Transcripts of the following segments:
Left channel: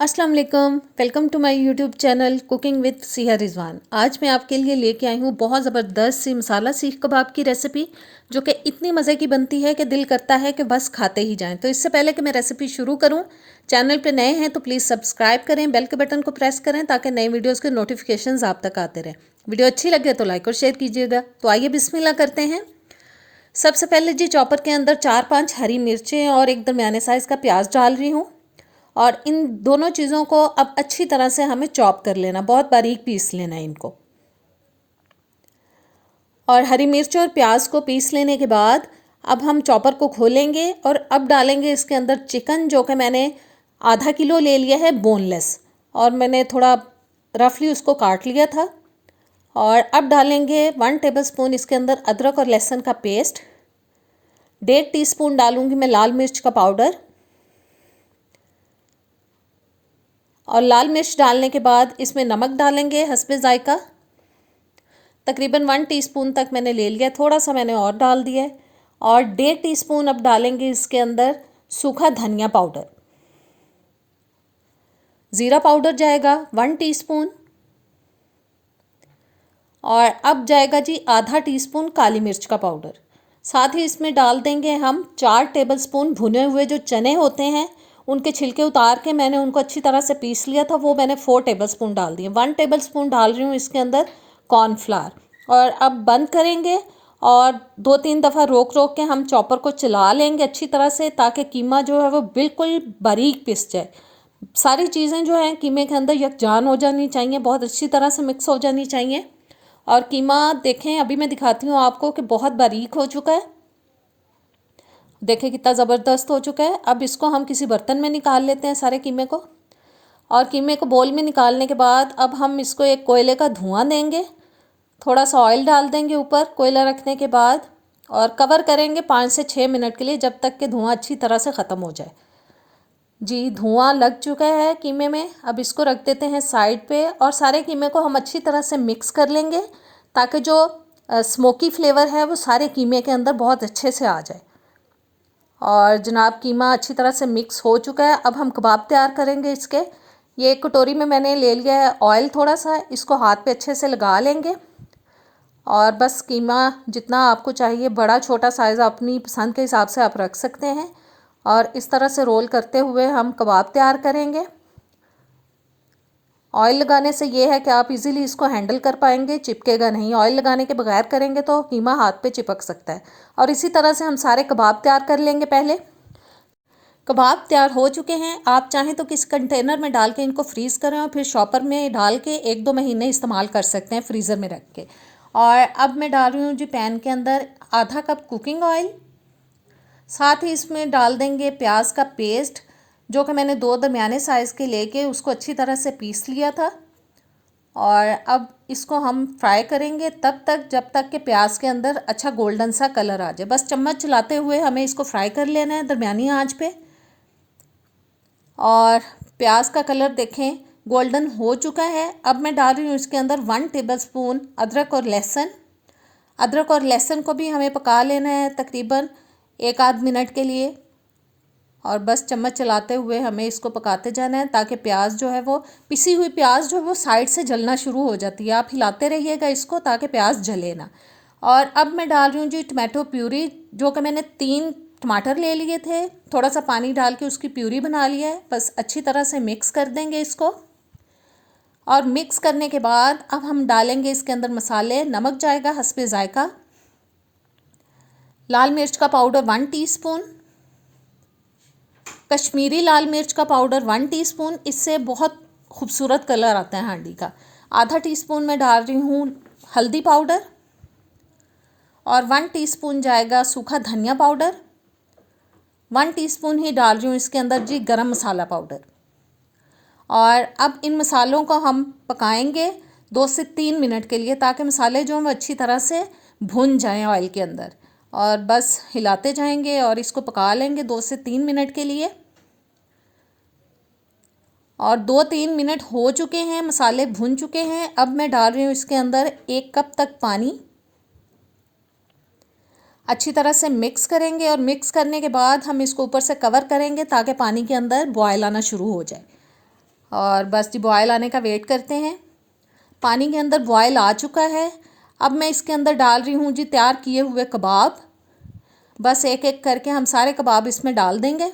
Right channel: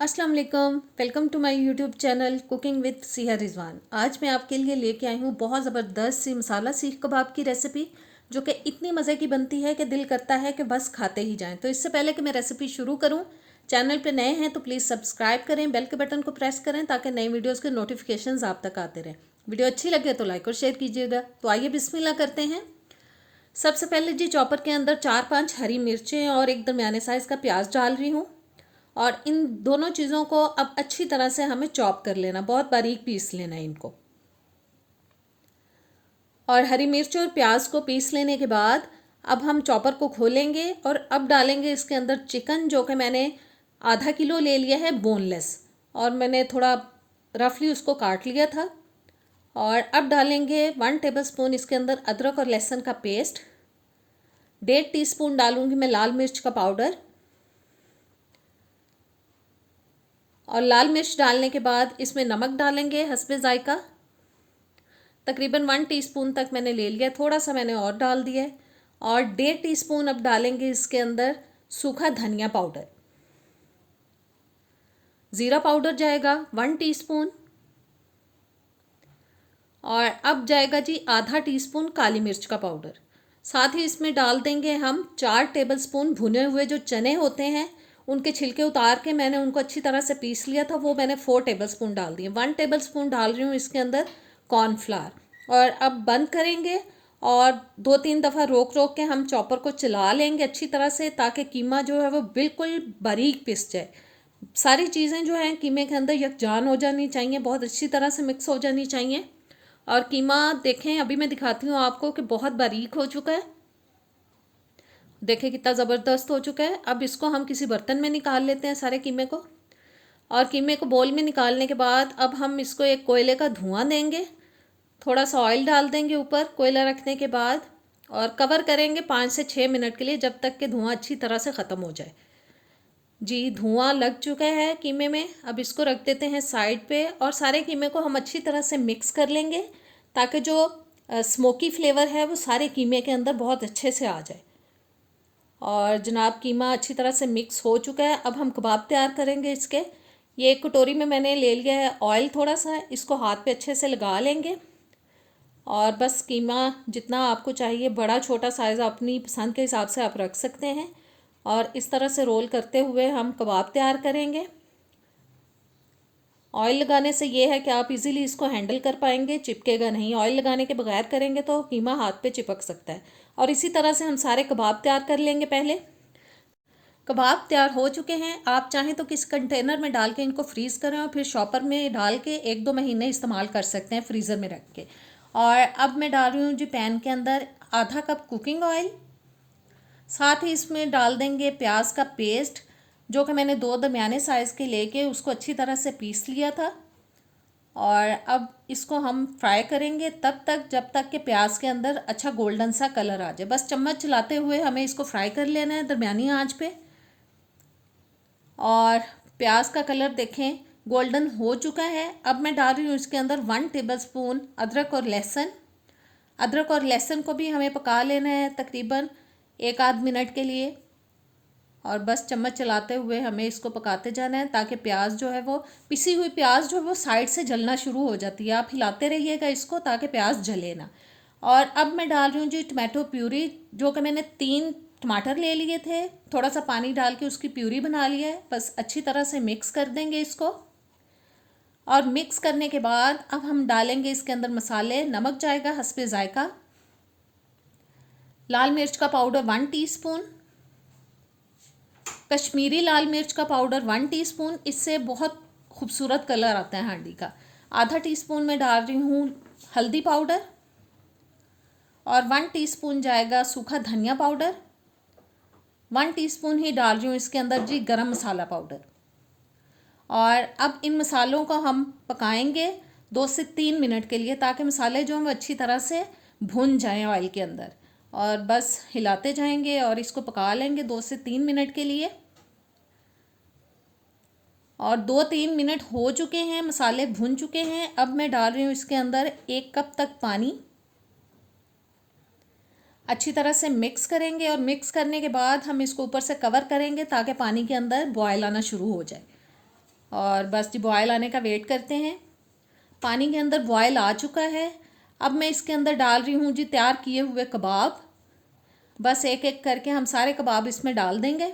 अस्सलाम वालेकुम, welcome to my YouTube channel cooking with Siya Rizwan. आज मैं आपके लिए लेके आई हूँ बहुत ज़बरदस्त सी मसाला सीख कबाब की रेसिपी, जो कि इतनी मज़े की बनती है कि दिल करता है कि बस खाते ही जाएं। तो इससे पहले कि मैं रेसिपी शुरू करूँ, चैनल पे नए हैं तो प्लीज़ सब्सक्राइब करें, बेल के बटन को प्रेस करें ताकि नए वीडियोज़ के नोटिफिकेशन आप तक आते रहें। वीडियो अच्छी लगे तो लाइक और शेयर कीजिएगा। तो आइए बिस्मिल्लाह करते हैं। सबसे पहले जी चॉपर के अंदर 4-5 हरी मिर्चें और एक दरमियाने साइज़ का प्याज डाल रही हूँ। और इन दोनों चीज़ों को अब अच्छी तरह से हमें चॉप कर लेना, बहुत बारीक पीस लेना है इनको। और हरी मिर्च और प्याज को पीस लेने के बाद अब हम चॉपर को खोलेंगे और अब डालेंगे इसके अंदर चिकन, जो कि मैंने आधा किलो ले लिया है बोनलेस, और मैंने थोड़ा रफली उसको काट लिया था। और अब डालेंगे 1 टेबलस्पून इसके अंदर अदरक और लहसुन का पेस्ट। 1.5 टीस्पून डालूंगी मैं लाल मिर्च का पाउडर। और लाल मिर्च डालने के बाद इसमें नमक डालेंगे हस्बे जायका। तकरीबन 1 टीस्पून तक मैंने ले लिया, थोड़ा सा मैंने और डाल दिया है। और 1.5 टीस्पून अब डालेंगे इसके अंदर सूखा धनिया पाउडर। ज़ीरा पाउडर जाएगा 1 टीस्पून। और अब जाएगा जी आधा टीस्पून काली मिर्च का पाउडर। साथ ही इसमें डाल देंगे हम 4 टेबलस्पून भुने हुए जो चने होते हैं, उनके छिलके उतार के मैंने उनको अच्छी तरह से पीस लिया था, वो मैंने 4 टेबलस्पून डाल दिए। 1 टेबलस्पून डाल रही हूँ इसके अंदर कॉर्नफ्लावर। और अब बंद करेंगे और 2-3 दफ़ा रोक रोक के हम चॉपर को चला लेंगे अच्छी तरह से, ताकि कीमा जो है वो बिल्कुल बारीक पिस जाए। सारी चीज़ें जो हैं कीमे के अंदर यकजान हो जानी चाहिए, बहुत अच्छी तरह से मिक्स हो जानी चाहिए। और कीमा देखें, अभी मैं दिखाती हूँ आपको कि बहुत बारीक हो चुका है। देखें कितना ज़बरदस्त हो चुका है। अब इसको हम किसी बर्तन में निकाल लेते हैं सारे कीमे को। और कीमे को बोल में निकालने के बाद अब हम इसको एक कोयले का धुआं देंगे, थोड़ा सा ऑयल डाल देंगे ऊपर कोयला रखने के बाद, और कवर करेंगे 5 से 6 मिनट के लिए, जब तक कि धुआं अच्छी तरह से ख़त्म हो जाए। जी धुआं लग चुका है कीमे में। अब इसको रख देते हैं साइड पे और सारे कीमे को हम अच्छी तरह से मिक्स कर लेंगे, ताकि जो स्मोकी फ्लेवर है वो सारे कीमे के अंदर बहुत अच्छे से आ जाए। और जनाब कीमा अच्छी तरह से मिक्स हो चुका है। अब हम कबाब तैयार करेंगे इसके। ये एक कटोरी में मैंने ले लिया है ऑयल थोड़ा सा, इसको हाथ पे अच्छे से लगा लेंगे। और बस कीमा जितना आपको चाहिए, बड़ा छोटा साइज़ अपनी पसंद के हिसाब से आप रख सकते हैं। और इस तरह से रोल करते हुए हम कबाब तैयार करेंगे। ऑयल लगाने से ये है कि आप इजीली इसको हैंडल कर पाएंगे, चिपकेगा नहीं। ऑयल लगाने के बगैर करेंगे तो कीमा हाथ पे चिपक सकता है। और इसी तरह से हम सारे कबाब तैयार कर लेंगे। पहले कबाब तैयार हो चुके हैं। आप चाहें तो किस कंटेनर में डाल के इनको फ्रीज़ करें और फिर शॉपर में डाल के 1-2 महीने इस्तेमाल कर सकते हैं फ्रीज़र में रख के। और अब मैं डाल रही हूँ जी पैन के अंदर आधा कप कुकिंग ऑयल। साथ ही इसमें डाल देंगे प्याज का पेस्ट, जो कि मैंने 2 दरमियाने साइज़ के लेके उसको अच्छी तरह से पीस लिया था। और अब इसको हम फ्राई करेंगे तब तक जब तक कि प्याज के अंदर अच्छा गोल्डन सा कलर आ जाए। बस चम्मच चलाते हुए हमें इसको फ्राई कर लेना है दरमियानी आंच पे। और प्याज का कलर देखें गोल्डन हो चुका है। अब मैं डाल रही हूँ इसके अंदर 1 टेबलस्पून अदरक और लहसुन। अदरक और लहसुन को भी हमें पका लेना है तकरीबन 1-आध मिनट के लिए। और बस चम्मच चलाते हुए हमें इसको पकाते जाना है, ताकि प्याज जो है वो पिसी हुई प्याज जो है वो साइड से जलना शुरू हो जाती है। आप हिलाते रहिएगा इसको ताकि प्याज जले ना। और अब मैं डाल रही हूँ जी टमाटो प्यूरी, जो कि मैंने 3 टमाटर ले लिए थे, थोड़ा सा पानी डाल के उसकी प्यूरी बना लिया है। बस अच्छी तरह से मिक्स कर देंगे इसको। और मिक्स करने के बाद अब हम डालेंगे इसके अंदर मसाले। नमक जाएगा हस्बे जायका। लाल मिर्च का पाउडर 1 टीस्पून। कश्मीरी लाल मिर्च का पाउडर 1 टीस्पून, इससे बहुत खूबसूरत कलर आता है हांडी का। आधा टीस्पून मैं डाल रही हूँ हल्दी पाउडर। और 1 टीस्पून जाएगा सूखा धनिया पाउडर। 1 टीस्पून ही डाल रही हूँ इसके अंदर जी गरम मसाला पाउडर। और अब इन मसालों को हम पकाएंगे 2 से 3 मिनट के लिए, ताकि मसाले जो हैं अच्छी तरह से भुन जाएं ऑयल के अंदर। और बस हिलाते जाएंगे और इसको पका लेंगे 2 से 3 मिनट के लिए। और 2-3 मिनट हो चुके हैं, मसाले भुन चुके हैं। अब मैं डाल रही हूँ इसके अंदर 1 कप तक पानी। अच्छी तरह से मिक्स करेंगे और मिक्स करने के बाद हम इसको ऊपर से कवर करेंगे, ताकि पानी के अंदर बॉयल आना शुरू हो जाए। और बस जी बॉयल आने का वेट करते हैं। पानी के अंदर बॉयल आ चुका है। अब मैं इसके अंदर डाल रही हूँ जी तैयार किए हुए कबाब। बस एक एक करके हम सारे कबाब इसमें डाल देंगे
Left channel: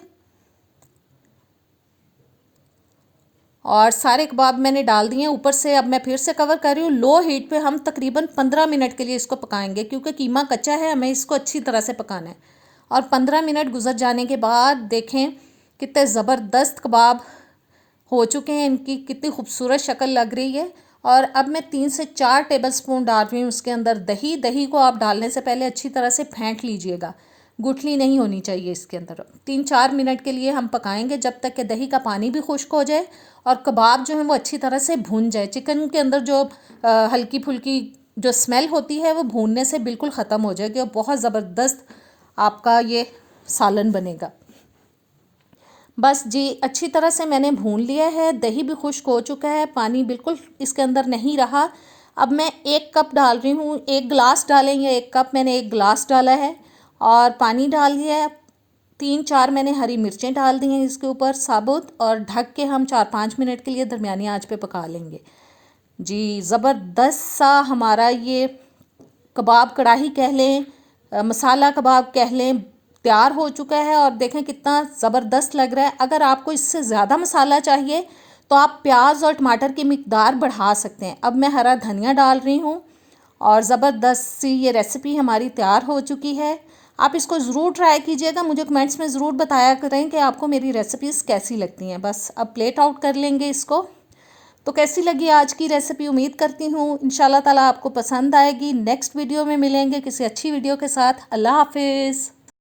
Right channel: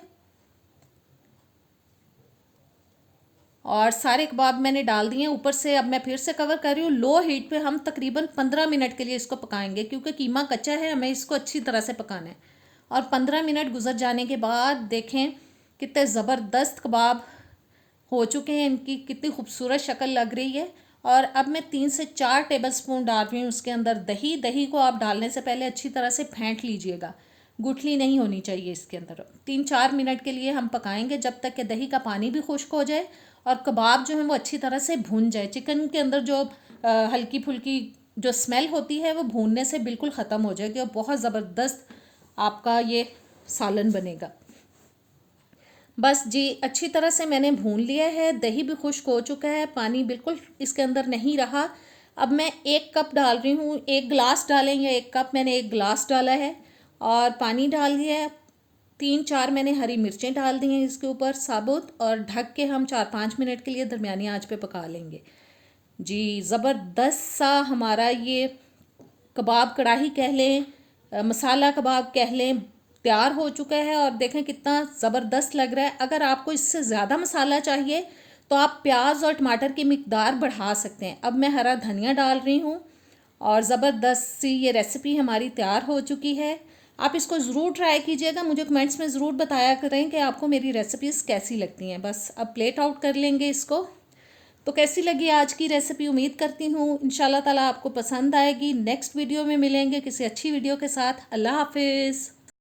और सारे कबाब मैंने डाल दिए ऊपर से। अब मैं फिर से कवर कर रही हूँ। लो हीट पे हम तकरीबन 15 मिनट के लिए इसको पकाएंगे, क्योंकि कीमा कच्चा है, हमें इसको अच्छी तरह से पकाना है। और 15 मिनट गुजर जाने के बाद देखें कितने ज़बरदस्त कबाब हो चुके हैं, इनकी कितनी खूबसूरत शक्ल लग रही है। और अब मैं 3 से 4 टेबलस्पून डाल रही हूँ उसके अंदर दही। दही को आप डालने से पहले अच्छी तरह से फेंट लीजिएगा, गुठली नहीं होनी चाहिए इसके अंदर। 3-4 मिनट के लिए हम पकाएंगे जब तक कि दही का पानी भी खुश्क हो जाए और कबाब जो है वो अच्छी तरह से भून जाए। चिकन के अंदर जो हल्की फुल्की जो स्मेल होती है वो भूनने से बिल्कुल ख़त्म हो जाएगी और बहुत ज़बरदस्त आपका ये सालन बनेगा। बस जी अच्छी तरह से मैंने भून लिया है, दही भी खुश्क हो चुका है, पानी बिल्कुल इसके अंदर नहीं रहा। अब मैं 1 कप डाल रही हूँ, 1 गिलास डालें या 1 कप, मैंने 1 गिलास डाला है और पानी डाल दिया है। 3-4 मैंने हरी मिर्चें डाल दी हैं इसके ऊपर साबुत, और ढक के हम 4-5 मिनट के लिए दरमियानी आंच पे पका लेंगे। जी ज़बरदस्त सा हमारा ये कबाब कढ़ाई कह लें, मसाला कबाब कह लें, तैयार हो चुका है। और देखें कितना ज़बरदस्त लग रहा है। अगर आपको इससे ज़्यादा मसाला चाहिए तो आप प्याज और टमाटर की मिकदार बढ़ा सकते हैं। अब मैं हरा धनिया डाल रही हूँ और ज़बरदस्त सी ये रेसिपी हमारी तैयार हो चुकी है। आप इसको ज़रूर ट्राई कीजिएगा, मुझे कमेंट्स में ज़रूर बताया करें कि आपको मेरी रेसिपीज़ कैसी लगती हैं। बस अब प्लेट आउट कर लेंगे इसको। तो कैसी लगी आज की रेसिपी, उम्मीद करती हूँ इंशाल्लाह ताला आपको पसंद आएगी। नेक्स्ट वीडियो में मिलेंगे किसी अच्छी वीडियो के साथ। अल्लाह हाफिज़।